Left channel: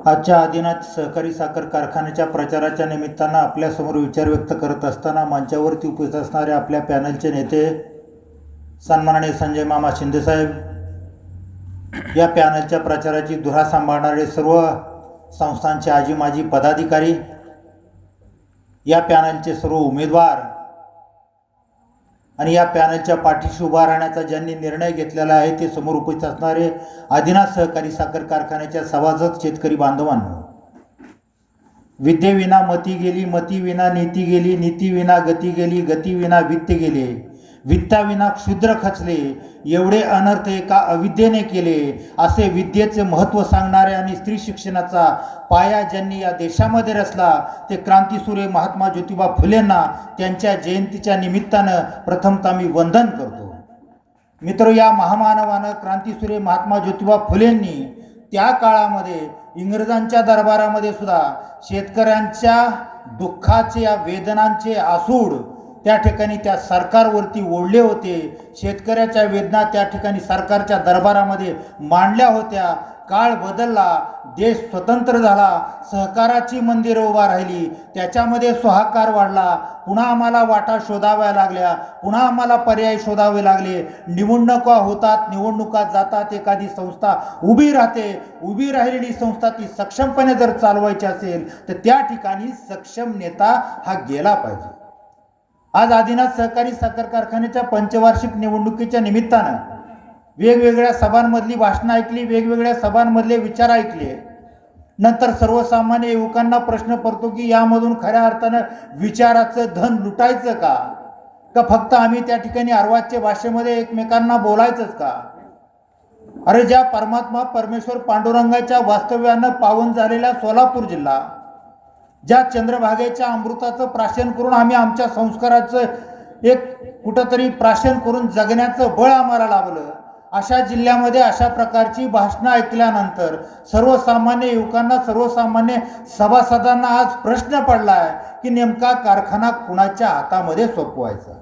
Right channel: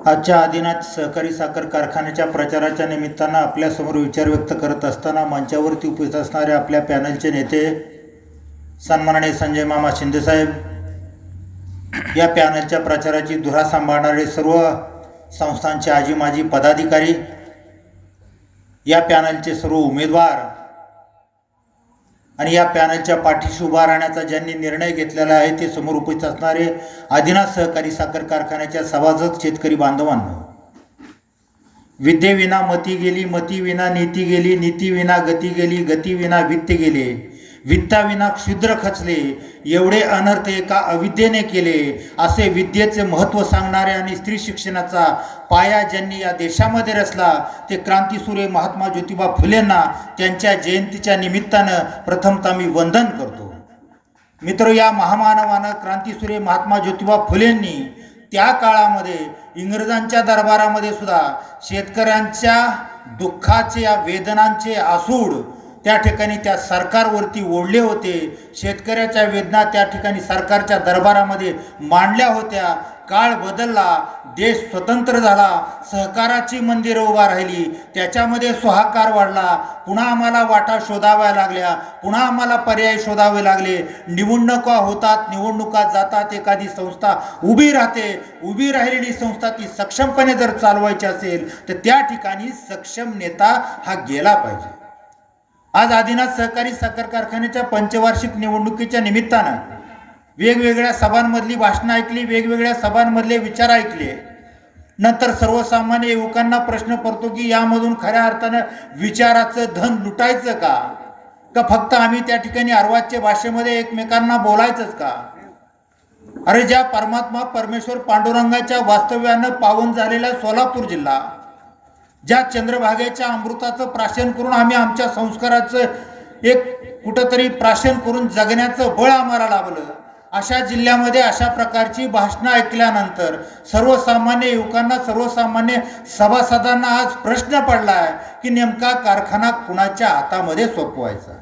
आजच्या आदिनाथ सहकारी साखर कारखान्याच्या प्रचाराच्या निमित्तानं आपल्यासमोर विचार व्यक्त करत असताना मंचावरती उपस्थित असणारे आपल्या पॅनलचे नेते सन्माननीय संजय मामा शिंदेसाहेब या पॅनलच्या प्रचाराची धुरा सांभाळणारे सर्व संस्थांचे आजी माजी पदाधिकारी या पॅनलचे सर्व उमेदवार आणि या पॅनलच्या पाठीशी उभा राहण्याचा ज्यांनी निर्णय घेतलेला आहे ते समोर उपस्थित असणारे आदिनाथ सहकारी साखर कारखान्याच्या सभासद शेतकरी बांधवांनो. विद्येविना मती गेली मती विना नीती गेली नीती विना गती गेली गती विना वित्त गेले. वित्ताविना क्षुद्र खचले एवढे अनर्थ एका अविद्येने केले असे विद्येचे महत्त्व सांगणारे आणि स्त्री शिक्षणाचा पाया ज्यांनी या देशामध्ये रचला ते क्रांतीसूर्य महात्मा ज्योतिबा फुलेंना त्यांच्या जयंतीच्या निमित्तानं प्रथमतः मी वंदन करतो. मित्र या महामानवानं क्रांतीसूर्य महात्मा ज्योतिबा फुलेंनी त्या काळामध्ये इंग्रजांच्या दरबारामध्ये सुद्धा शेतकऱ्यांच्या दुःखाचे या वेदनांचे आसूड त्या ठिकाणी त्या सरकारवरती ओढले होते. शेतकऱ्याच्या वेदना त्या ठिकाणी सरकारच्या दरबारामध्ये मांडल्या होत्या. काळ बदलला देश स्वतंत्र झाला सहकाराची मंदिरं उभा राहिली. त्याच्यामध्ये सुहाकार वाढला. पुन्हा आम्हाला वाटा शोधाव्या लागल्या. पुन्हा आम्हाला पर्याय शोधावे लागले. निवडणुका होतात निवडणुका जातात. एखादी संस्था उभी राहते. उभी राहिलेली संस्था ती सक्षमपणे जर चालवायची असेल तर त्या ठिकाणी सक्षम नेता हा गेला पाहिजे. आज आदिनाथ सहकारी साखर कारखान्याच्या पंचवार्षिक निवडणुकीच्या निमित्तानं वेगवेगळ्या सभांमधली भाषणं ऐकली वेगवेगळ्या सभांमधले विचार ऐकले. नंतर सर्वसामान्य युवकांना प्रश्न पडतो की यामधून खऱ्या अर्थानं विचाराचं धन लुटायचं का? का फक्त आम्ही त्या ठिकाणी अर्वाच्य भाषेमध्ये एकमेकांना बोलायचंच का? अरे ज्या परमात्मा परमेश्वर पांडुरंगाच्या वास्तव्यानं पावन झालेला सोलापूर जिल्हा ज्या चंद्रभागेच्या अमृताचं प्राशन करून आम्ही आमच्या संस्काराचं एक कुठंतरी प्राशन करून जगण्याचं बळ आम्हाला लाभलं. अशा जिल्ह्यामध्ये अशा प्रकारची भाषणं ऐकल्यानंतर सर्वसामान्य युवकांना सर्वसामान्य सभासदांना आज प्रश्न पडला आहे की नेमका कारखाना कुणाच्या हातामध्ये सोपवायचा?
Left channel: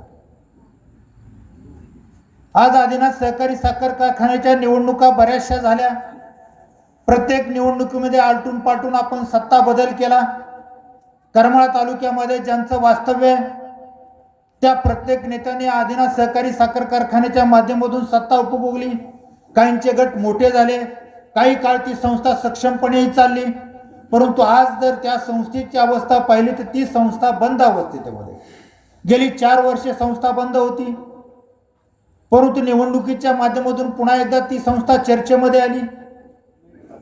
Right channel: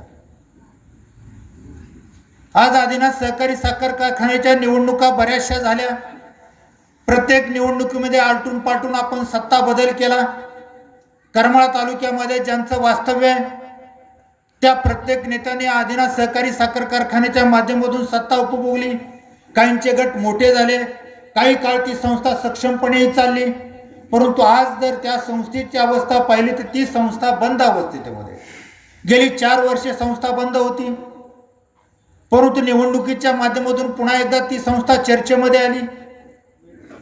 आज आदिनाथ सहकारी साखर कारखान्याच्या निवडणुका बऱ्याचशा झाल्या. प्रत्येक निवडणुकीमध्ये आलटून पालटून आपण सत्ता बदल केला. करमाळा तालुक्यामध्ये ज्यांचं वास्तव्य त्या प्रत्येक नेत्याने आदिनाथ सहकारी साखर कारखान्याच्या माध्यमातून सत्ता उपभोगली. काहींचे गट मोठे झाले. काही काळ ती संस्था सक्षमपणेही चालली. परंतु आज जर त्या संस्थेची अवस्था पाहिली तर ती संस्था बंद अवस्थेमध्ये. गेली चार वर्षे संस्था बंद होती. परंतु निवडणुकीच्या माध्यमातून पुन्हा एकदा ती संस्था चर्चेमध्ये आली.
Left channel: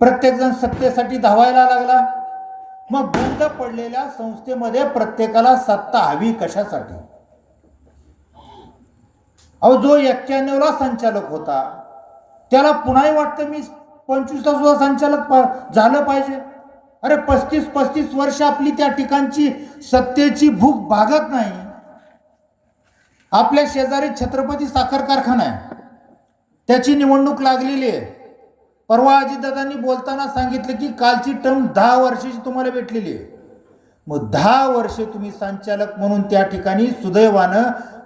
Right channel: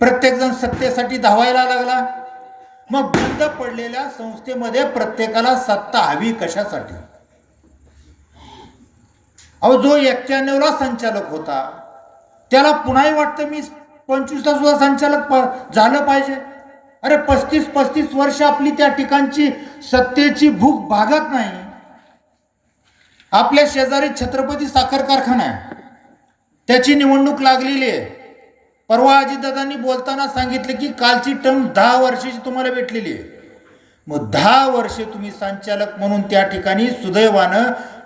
प्रत्येकजण सत्तेसाठी धावायला लागला. मग बंद पडलेल्या संस्थेमध्ये प्रत्येकाला सत्ता हवी कशासाठी? अहो जो एक्क्याण्णवला संचालक होता त्याला पुन्हाही वाटतं मी पंचवीसला सुद्धा संचालक प- झालं पाहिजे. अरे पस्तीस पस्तीस वर्ष आपली त्या ठिकाणची सत्तेची भूक भागत नाही. आपल्या शेजारी छत्रपती साखर कारखाना आहे. त्याची निवडणूक लागलेली आहे. परवा अजितदादांनी बोलताना सांगितलं की कालची टर्म दहा वर्षाची तुम्हाला भेटलेली आहे. मग दहा वर्षे तुम्ही संचालक म्हणून त्या ठिकाणी सुदैवानं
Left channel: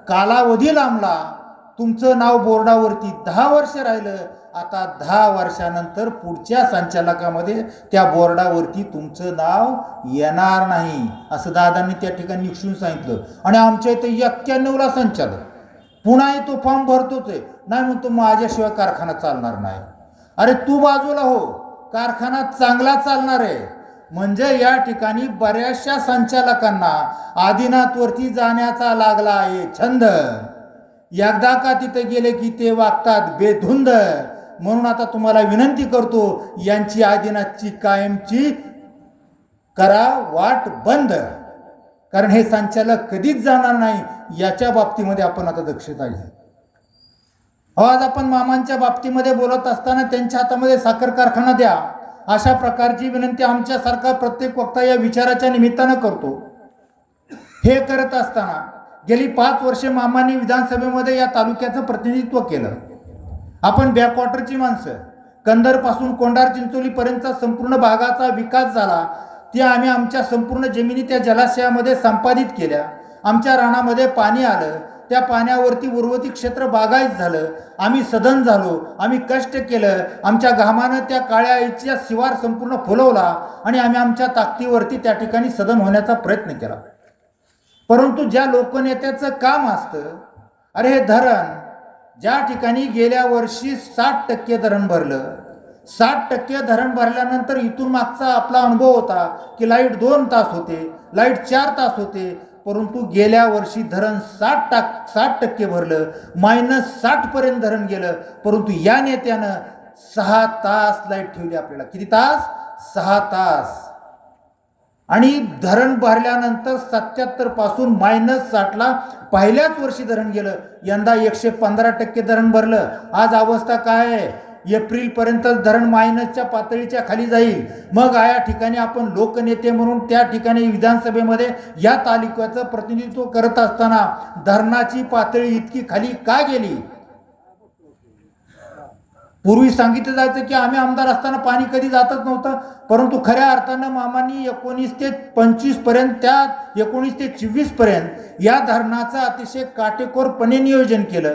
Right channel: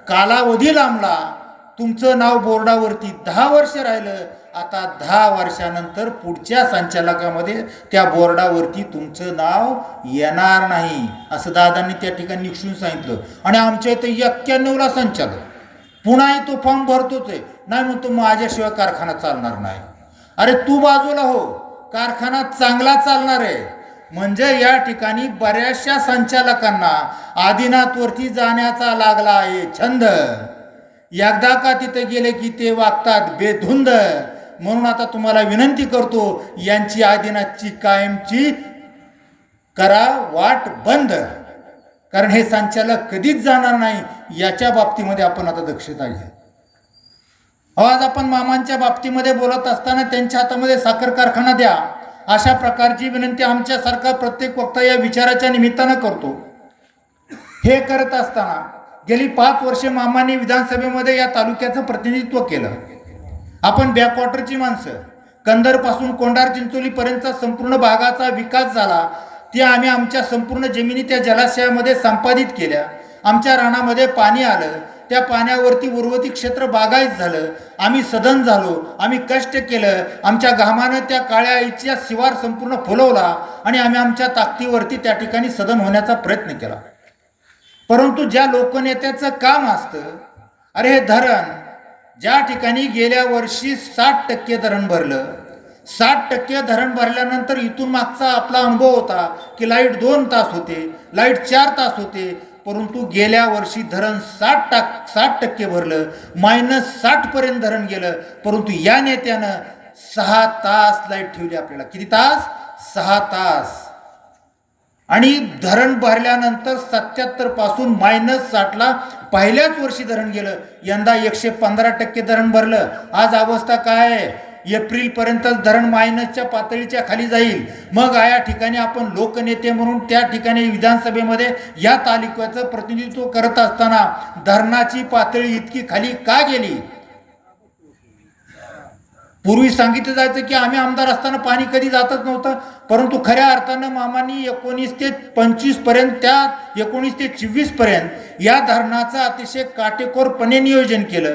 कालावधी लांबला. तुमचं नाव बोर्डावरती दहा वर्ष राहिलं. आता दहा वर्षानंतर पुढच्या संचालकामध्ये त्या बोर्डावरती तुमचं नाव येणार नाही असं दादांनी त्या ठिकाणी निक्षून सांगितलं. आणि आमच्या इथं एक्क्याण्णवला संचालक. पुन्हा तो फॉर्म भरतोच आहे. नाही म्हणतो माझ्याशिवाय कारखाना चालणार नाही. अरे तू बाजूला हो. कारखाना चांगला चालणार आहे. म्हणजे या ठिकाणी बऱ्याचशा संचालकांना आदिनाथवरती जाण्याचा लागला आहे छंद. एकदा का तिथे गेले की ते वागतात बेधुंद. म्हणून आता तुम्हाला विनंती करतो यांची आदिनाथची कायमची करा वाट बंद. कारण हे संचालक कधीच जाणार नाही याच्या बाबतीमध्ये आपण आता दक्षता घ्या. आज आपण मामांच्या बाबतीमध्ये बोलत असताना त्यांच्या हातामध्ये साखर कारखाना द्या. अशा प्रकारची विनंती आमच्यासारखा प्रत्येक वक्ता या विचाराच्या निमित्तानं करतो. हे करत असताना गेली पाच वर्षे मामांनी विधानसभेमध्ये या तालुक्याचं प्रतिनिधित्व केलं. आपण बॅकवॉटरची माणसं कंदरपासून कोंडार चिंचोलीपर्यंतचा संपूर्ण भागाचा विकास झाला ते आम्ही आमच्या संपूर्ण जमिनी त्या जलाशयामध्ये संपादित केल्या. आमच्या रानामध्ये पाणी आलं त्या पाण्यावरती उर्वती क्षेत्र बागायत झालं. आम्ही सदन झालो. आम्ही कष्ट केलं. आमच्या घामानं त्या काळ्या आईच्या शिवार संपूर्ण फुलवला आणि आम्ही आमच्या ताकदीवरती त्या ठिकाणी सदन होण्याचा प्रयत्न केला. परंतु ज्या लोकनेत्याचं काम असतं अरे हे धरण ज्या ठिकाणी गेल्या वर्षी साठ टक्के धरण भरलं साठ टक्के धरण भरल्यानंतर इथून मागचा आपला अनुभव होता की लाइट दोन तास होते लाइट चार तास होते परंतु गेल्या वर्षी धरण साठ टाक साठ टक्के भरलं मायनस साठपर्यंत धरण गेलं परंतु या नेत्यानं सहा तास लाइट ठेवली आपल्याला. किती तास? सहा तास. आणि धरण भरल्यानंतर सत्याहत्तरपासून मायनस साठला पहिल्याच वर्षी धरण गेलं. यंदा एकशे पंधरा टक्के धरण भरलं. आज अवस्था काय आहे? एप्रिल पर्यंत धरण मायनसच्या पातळीच्या खाली जाईल. मग या ठिकाणी आपण लोकनेते म्हणून त्या ठिकाणी विधानसभेमध्ये या तालुक्याचं प्रतिनिधित्व करत असताना धरणाची पातळी इतकी खाली का गेली? पूर्वी सांगितलं जायचं की आम्ही आमदार असताना पाणी कधी जातच नव्हतं परंतु खऱ्या अर्थानं मामानी एकोणीस ते पंचवीसपर्यंत त्या एकोणीस ते चोवीसपर्यंत या धरणाचं अतिशय काटेकोरपणे नियोजन केलं.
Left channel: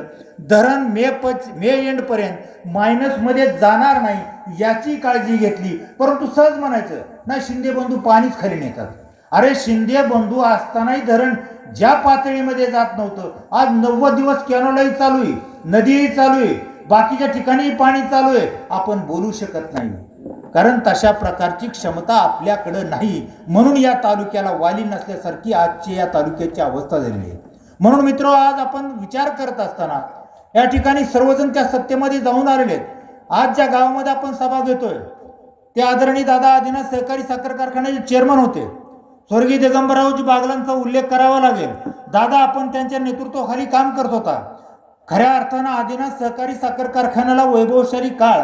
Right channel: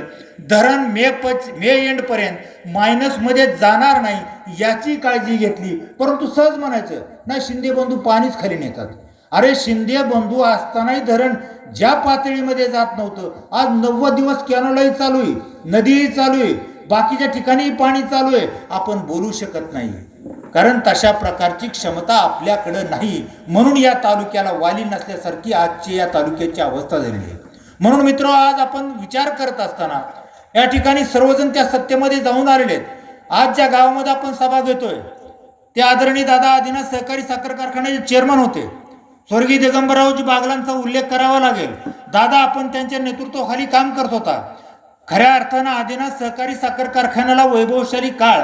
धरण मे पच मे एंडपर्यंत मायनसमध्ये जाणार नाही याची काळजी घेतली. परंतु सहज म्हणायचं ना शिंदे बंधू पाणीच खाली नेतात. अरे शिंदे बंधू असतानाही धरण ज्या पातळीमध्ये जात नव्हतं. आज नव्वद दिवस कॅनोलाही चालू आहे नदीही चालू आहे. बाकीच्या ठिकाणी पाणी चालू आहे. आपण बोलू शकत नाही. कारण तशा प्रकारची क्षमता आपल्याकडं नाही. म्हणून या तालुक्याला वाली नसल्यासारखी आजची या तालुक्याची अवस्था झालेली आहे. म्हणून मित्र आज आपण विचार करत असताना या ठिकाणी सर्वजण त्या सत्तेमध्ये जाऊन आलेले आहेत. आज ज्या गावामध्ये आपण सभा घेतोय ते आदरणीय दादा आदिनाथ सहकारी साखर कारखान्याचे चेअरमन होते. स्वर्गीय दिगंबररावजी बागलांचा उल्लेख करावा लागेल. दादा आपण त्यांच्या नेतृत्वाखाली काम करत होता. खऱ्या अर्थानं आदिनाथ सहकारी साखर कारखान्याला वैभवशाली काळ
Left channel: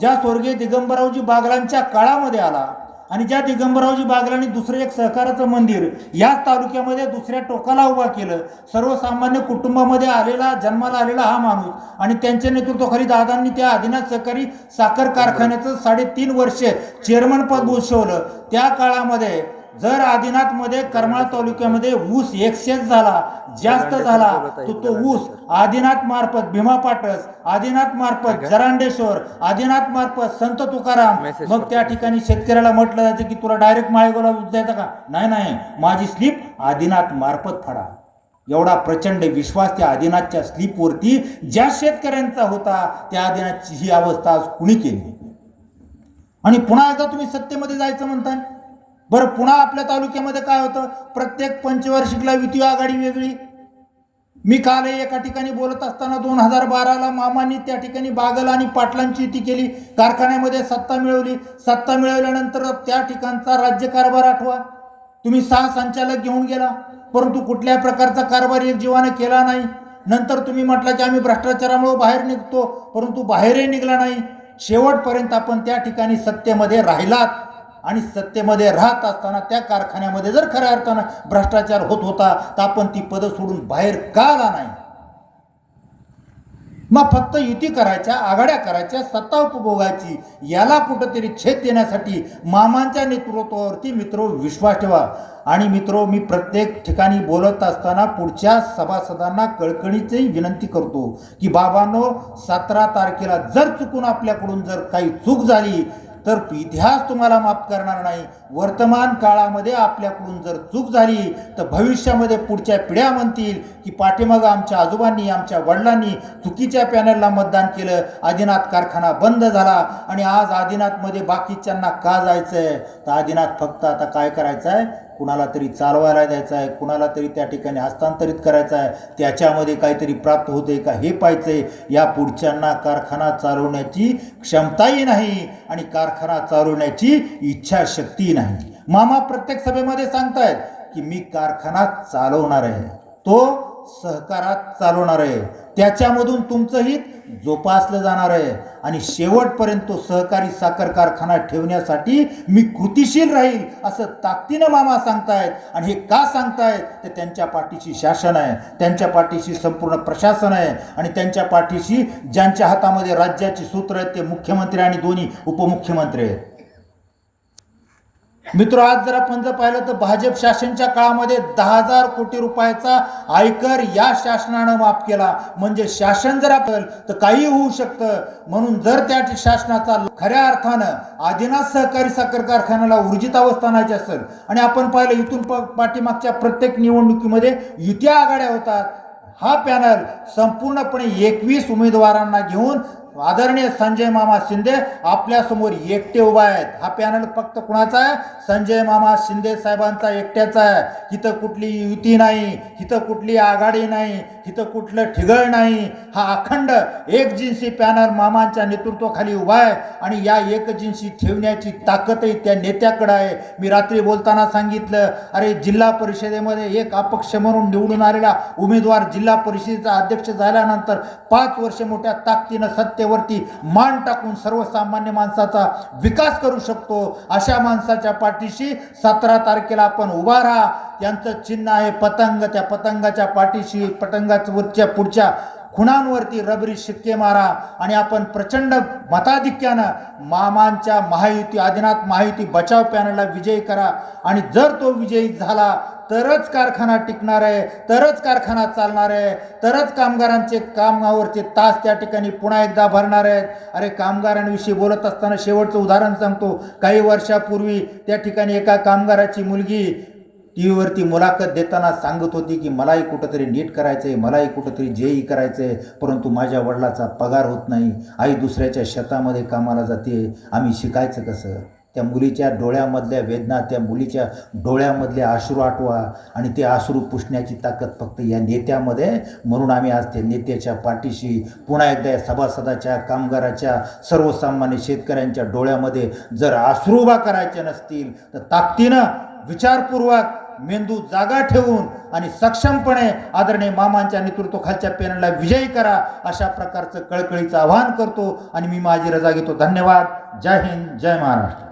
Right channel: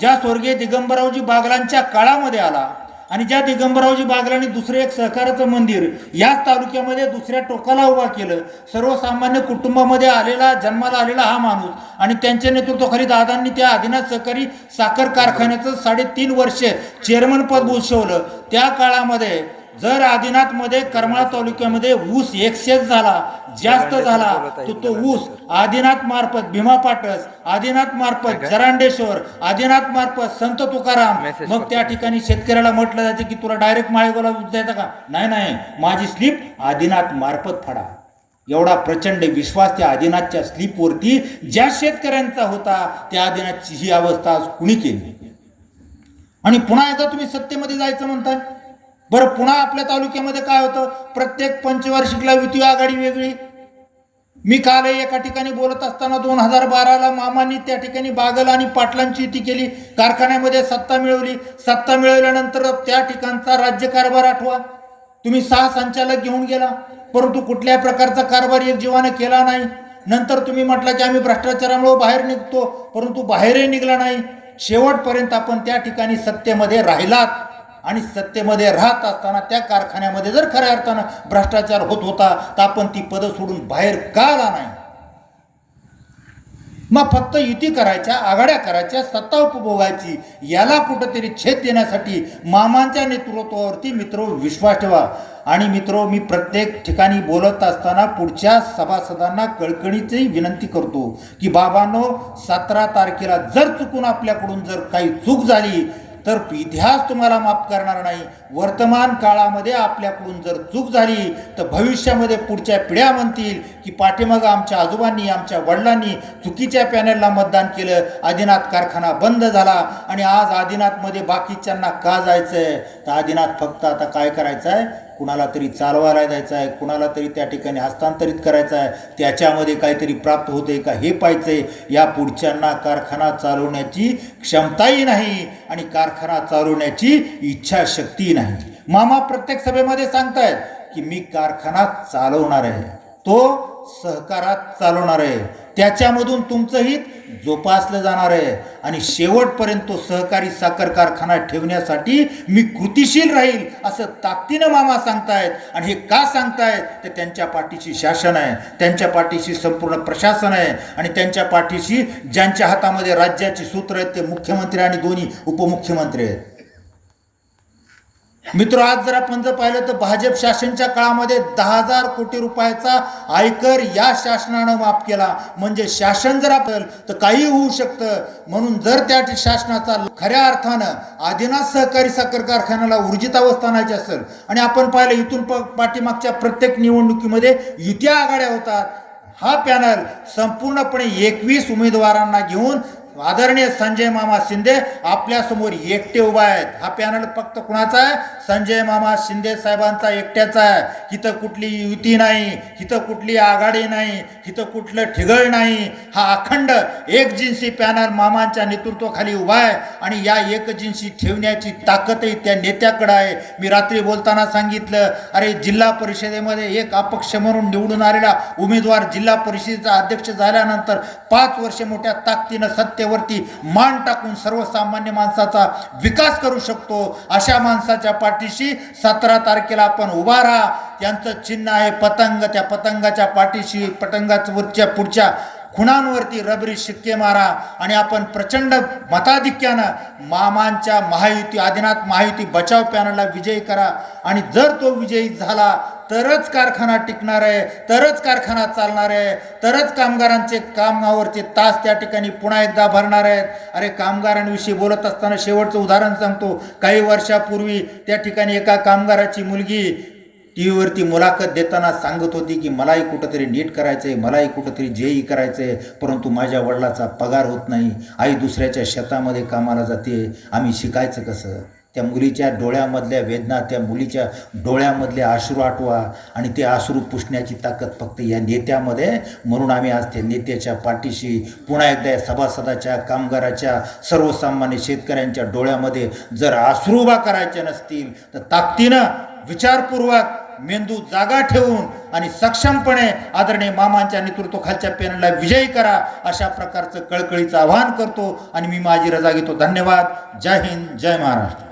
ज्या स्वर्गीय दिगंबररावजी बागलांच्या काळामध्ये आला आणि ज्या दिगंबररावजी बागलांनी दुसरं एक सहकाराचं मंदिर याच तालुक्यामध्ये दुसऱ्या टोकाला उभा केलं सर्वसामान्य कुटुंबामध्ये आलेला जन्माला आलेला हा माणूस आणि त्यांच्या नेतृत्वाखाली दादांनी त्या आदिनाथ सहकारी साखर कारखान्याचं साडेतीन वर्ष चेअरमन पद भूषवलं. त्या काळामध्ये जर आदिनाथमध्ये करमाळा तालुक्यामध्ये ऊस एक्सेस झाला जास्त झाला तर तो ऊस आदिनाथ मार्फत भीमा पाटस आदिनाथ मार्फत जरांडेश्वर आदिनाथ मार्फत संत तुकाराम. मग त्या ठिकाणी शेतकऱ्याला म्हटलं जायचं की तुला डायरेक्ट माळेगावला द्यायचा का? नाही नाही. माझी स्लिप आदिनाथ मार्फत फाडा. एवढा प्रचंड विश्वास त्या आदिनाथच्या स्लिपवरती ज्या शेतकऱ्यांचा होता त्या आदिनाथची ही अवस्था आज कुणी केली? आणि पुन्हा एकदा तुम्ही सत्तेमध्ये जायचं म्हणताय? बरं पुन्हा आपल्या तालुक्यामध्ये काय होतं? प्रत्येक पंचवार्षिकला युती आघाडी वेगळी. मी काल एका ठिकाणी बोलत असताना दोन हजार बाराला मामांनी त्या ठिकाणी बागल आणि पाटलांची युती केली. कारखान्यामध्ये सत्ता मिळवली. सत्ता मिळवल्यानंतर त्या ठिकाणचा राज्यकारभार आठवा. तुम्ही सहा संचालक घेऊन गेला. परंतु कुठल्याही प्रकारचा कारभार एक जीवानं केला नाही. नंतर तुम्ही म्हटलं की आम्ही भ्रष्टाचारामुळे बाहेर निघतो. परंतु बाहेरही निघला नाही. शेवटपर्यंत आपण त्या ठिकाणी सत्तेमध्ये राहिलात. आणि सत्तेमध्ये राहत असताना त्या कारखान्यामध्ये जर खऱ्या अर्थानं भ्रष्टाचार होत होता तर आपण ती पदं सोडून बाहेर का आला नाही? मग फक्त युती करायच्या आघाड्या करायच्या सत्ता उपभोगायची याला कुठंतरी छेद देण्यासाठी मामांच्या नेतृत्वावरती मित्र विश्वास ठेवा. आणि मित्र मी प्रत्येक ठिकाणी बोलत असताना पुढच्या सभासदांना कळकळीची विनंती करतो की बाबांनो सतरा तारखेला जर चुकून आपल्याकडून जर काही चूक झाली तर इतिहास तुम्हाला माफ करणार नाही. वर्तमान काळामध्ये आपल्याकडून जर चूक झाली तर भविष्यामध्ये पुढच्या पिढ्या म्हणतील की पाठीमागं आमच्या आजोबांनी आमच्या वडिलांनी चुकीच्या पॅनलला मतदान केलं. आदिनाथ कारखाना बंद झाला आणि आज आदिनाथमध्ये बाकीच्यांना का जायचं आहे तर आदिनाथ फक्त आता काय करायचं आहे कुणाला तरी चालवायला जायचं आहे कुणाला तरी त्या ठिकाणी हस्तांतरित करायचं आहे त्याच्यामध्ये काहीतरी प्राप्त होते का हे पाहायचंय. या पुढच्यांना कारखाना चालवण्याची क्षमताही नाही आणि कारखाना चालवण्याची इच्छाशक्ती नाही. मामा प्रत्येक सभेमध्ये सांगतायत की मी कारखाना चालवणार आहे. तो सहकारात चालवणार आहे. त्याच्यामधून तुमचं हित जोपासलं जाणार आहे. आणि शेवटपर्यंत तो सहकारी साखर कारखाना ठेवण्यासाठी मी कृतिशील राहील असं ताकदीनं मामा सांगतायत. आणि हे का सांगतायत? तर त्यांच्या पाठीशी शासन आहे. त्यांच्या पाठीशी संपूर्ण प्रशासन आहे. आणि त्यांच्या पाठीशी ज्यांच्या हातामध्ये राज्याची सूत्र आहेत ते मुख्यमंत्री आणि दोन्ही उपमुख्यमंत्री आहेत. मित्र आज जर आपण जर पाहिलं तर भाजप शासनच्या काळामध्ये दहा हजार कोटी रुपयाचा आयकर या शासनानं माफ केला. म्हणजे शासन जर आपलं तर काही होऊ शकतं. म्हणून जर त्या शासनाचा खऱ्या अर्थानं आदिनाथ सहकारी साखर कारखान्याला ऊर्जित अवस्था आणायची असेल आणि आपण पाहिलं इथून प पाठीमागच्या प्रत्येक निवडणुकीमध्ये युत्या आघाड्या होतात. हा पॅनल संपूर्णपणे एकवीस उमेदवारांना घेऊन आदरणीय संजय मामा शिंदे आपल्यासमोर एकटे उभा आहेत. हा पॅनल फक्त कुणाचा आहे? संजय मामा शिंदे साहेबांचा एकट्याचा आहे. इथं कुठली युती नाही इथं कुठली आघाडी नाही इथं कुठलं ठिगळ नाही. हा अखंड एकजिन्सी पॅनल मामांच्या नेतृत्वाखाली उभा आहे आणि या एकजिन्सी ठेवण्याची ताकदही त्या नेत्याकडे आहे. मी रात्री बोलताना सांगितलं अरे जिल्हा परिषदेमध्ये एक अपक्ष म्हणून निवडून आलेला उमेदवार जिल्हा परिषदेचा अध्यक्ष झाल्यानंतर पाच वर्ष मोठ्या ताकदीनं सत्तेवरती मान टाकून सर्वसामान्य माणसाचा विकास करू शकतो. अशा माणसाच्या पाठीशी सतरा तारखेला आपण उभा राहा. त्यांचं चिन्ह आहे पतंग. त्या पतंगाच्या पाठीशी पतंगाच्या वरच्या पुढच्या खुणांवरती रबरी शिक्के मारा आणि आपण प्रचंड मताधिक्यानं मामांच्या महायुती आदिनाथ महायुती बचाव पॅनलला विजयी करा. आणि जर तो विजयी झाला तरच कारखाना टिकणार आहे तरच कारखाना चालणार आहे तरच कामगारांचे कामावरचे तास त्या ठिकाणी पुन्हा एकदा भरणार आहेत. अरे कामगारांविषयी बोलत असताना शेवटचं उदाहरण सांगतो. काही वर्षापूर्वी त्या ठिकाणी एका कामगाराची मुलगी टी व्हीवरती मुलाखत देताना सांगत होती की मलाही कुठंतरी नीट करायचं आहे मलाही कुठंतरी जेई करायचं आहे परंतु माझ्या वडिलाचा पगार होत नाही. आई दुसऱ्याच्या शेतामध्ये कामाला जाते. आम्ही शिकायचं कसं? त्या मुलीच्या डोळ्यामधल्या वेदना त्या मुलीच्या डोळ्यामधले आश्रू आठवा आणि ते आश्रू पुसण्याची ताकद फक्त या नेत्यामध्ये. म्हणून आम्ही आज त्या नेत्याच्या पाठीशी पुन्हा एकदा या सभासदाच्या कामगाराच्या सर्वसामान्य शेतकऱ्यांच्या डोळ्यामध्ये जर आश्रू उभा करायचे नसतील तर ताकदीनं विचारपूर्वक मेंदू जागा ठेवून आणि सक्षमपणे आदरणीय मामांच्या नेतृत्वाखालच्या पॅनलला विजयी करा अशा प्रकारचं कळकळीचं आवाहन करतो आणि मी माझी रजा घेतो. धन्यवाद. जय हिंद. जय महाराष्ट्र.